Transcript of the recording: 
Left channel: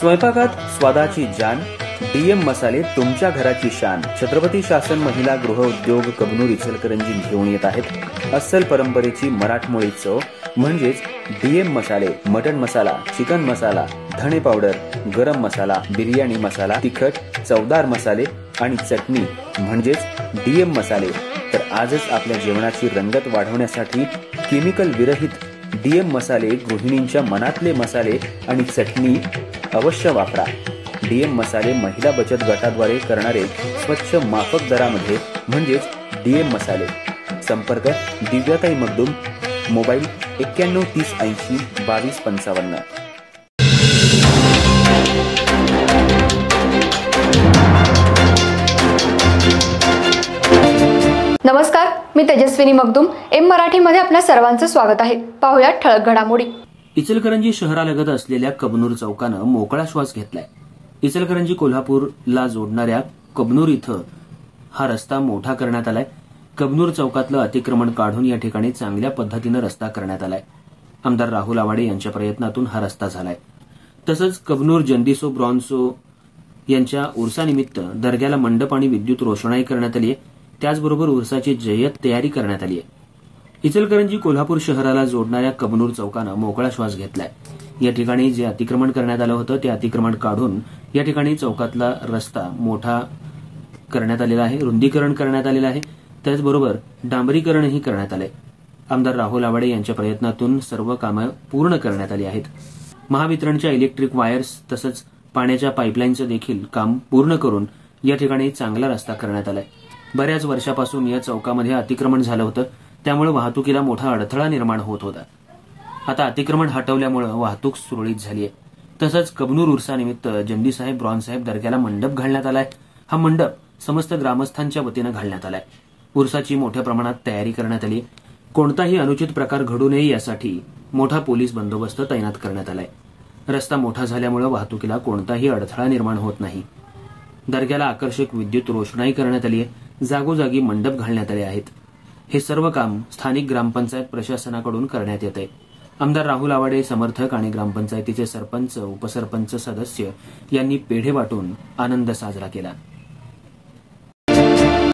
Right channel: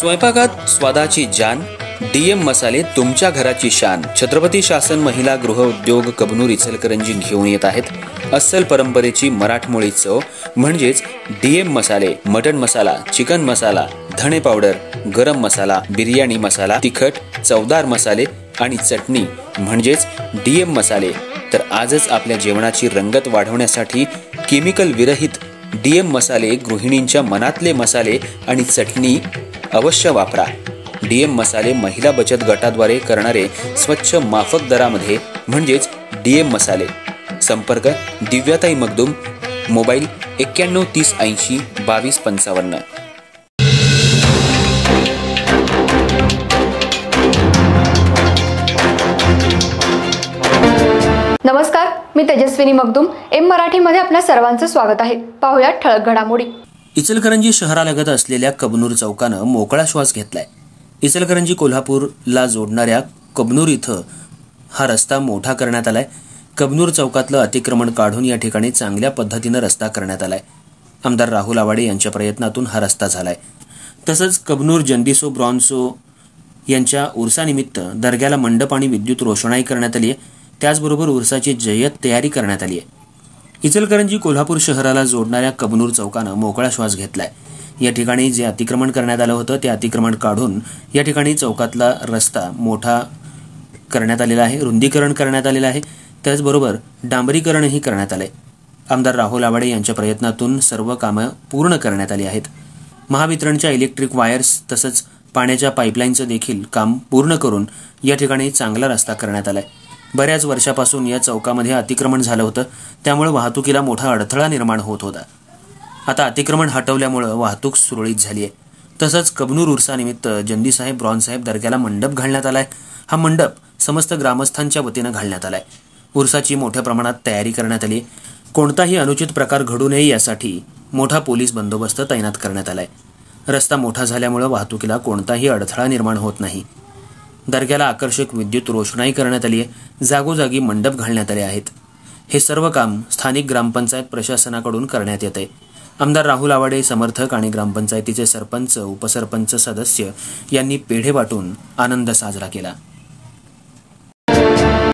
स्वयंपाकात स्वादाची जान, डीएम मसाले तुमच्या घराची शान। छत्रपती शासन महिला गृह उद्योग कबनूर इचलकरंजी घेऊन येत आहेत अस्सल परंपरेची मराठमोळी चव म्हणजेच डीएम मसाले। मटन मसाला, चिकन मसाला, धणे पावडर, गरम मसाला, बिर्याणी मसाला, तिखट चवदार मसाले आणि चटणी म्हणजेच डीएम मसाले। तर आजच आपल्या जेवणाची रंगत वाढवण्यासाठी केमिकल विरहित डीएम मसाले, गृहिणींच्या मनातले मसाले आणि चटणी अवश्य वापरा। डीएम मसाले महिला बचत गटाद्वारे करणारे स्वच्छ माफक दरामध्ये म्हणजेच डीएम मसाले। संपर्क दिव्याताई मगदूम, मोबाईल 91 30 80 22 55। नमस्कार, मी तेजस्विनी मगदूम। एम मराठीमध्ये आपल्या सर्वांचं स्वागत आहे। पाहूया ठळक घडामोडी। इचलकरंजी शहरालगत असलेल्या कबनूर चौकानं मोकळा श्वास घेतलाय। इचलकरंजी कोल्हापूरला जोडणाऱ्या कबनूर इथं हा रस्ता मोठा करण्यात आलाय। कबनूर चौकातलं अतिक्रमण काढून या ठिकाणी चांगल्या पद्धतीनं रस्ता करण्यात आलाय। आमदार राहुल आवाडे यांच्या प्रयत्नातून हा रस्ता झालाय। तसंच कबनूर जंडिसो ब्रॉन्सो यांच्या उर्सानिमित्त दर्ग्याला मंडप आणि विद्युत रोषणाई करण्यात आली आहे। त्याचबरोबर उर्साची जय्यत तयारी करण्यात आली आहे। इचलकरंजी कोल्हापूर शहराला जोडणाऱ्या कबनूर चौकानं मोकळा श्वास घेतलाय। या ठिकाणी जे अतिक्रमण करण्यात आलं होतं ते अतिक्रमण काढून या ठिकाणी चौकातला रस्ता मोठा करण्यात आलेला आहे, रुंदीकरण करण्यात आलेलं आहे। त्याचबरोबर डांबरीकरणही करण्यात आलंय। आमदार राहुल आवाडे यांच्या प्रयत्नातून सर्व कामं पूर्ण करण्यात आली आहेत। महावितरणच्या इलेक्ट्रिक वायर्स तसंच पाण्याच्या पाईपलाईनचं देखील काम पूर्ण करून या ठिकाणी चांगला रस्ता करण्यात आलाय। बऱ्याच वर्षापासून या चौकामध्ये अतिक्रमण झालं होतं, त्यामुळे वाहतुकीला मोठा अडथळा निर्माण होत होता। आता अतिक्रमण हटवल्यामुळे वाहतूक सुरळीत झाली आहे। तसंच कबनूर उर्सानिमित्त जंदीसाहेब ब्रॉन्साहेब दर्ग्याला मंडप घालण्यात आलाय। हा मंडप समस्त ग्रामस्थांच्या वतीनं घालण्यात आलाय। उर्साची मोठ्या प्रमाणात तयारी करण्यात आली। कोणताही अनुचित प्रकार घडू नये यासाठी मोठा पोलीस बंदोबस्त तैनात करण्यात आलाय। रस्ता मोठा झाल्यामुळे वाहतुकीला कोणताही अडथळा निर्माण होत नाही। दर्ग्याला आकर्षक विद्युत रोषणाई करण्यात आली आहे। जागोजागी मंडप घालण्यात आले आहेत। हे सर्व काम स्थानिक ग्रामपंचायत प्रशासनाकडून करण्यात येत आहे। आमदार राहुल आवाडे समर्थक आणि ग्रामपंचायतीचे सरपंच, उपसरपंच, सदस्य यांनी पेढे वाटून आनंद साजरा केला।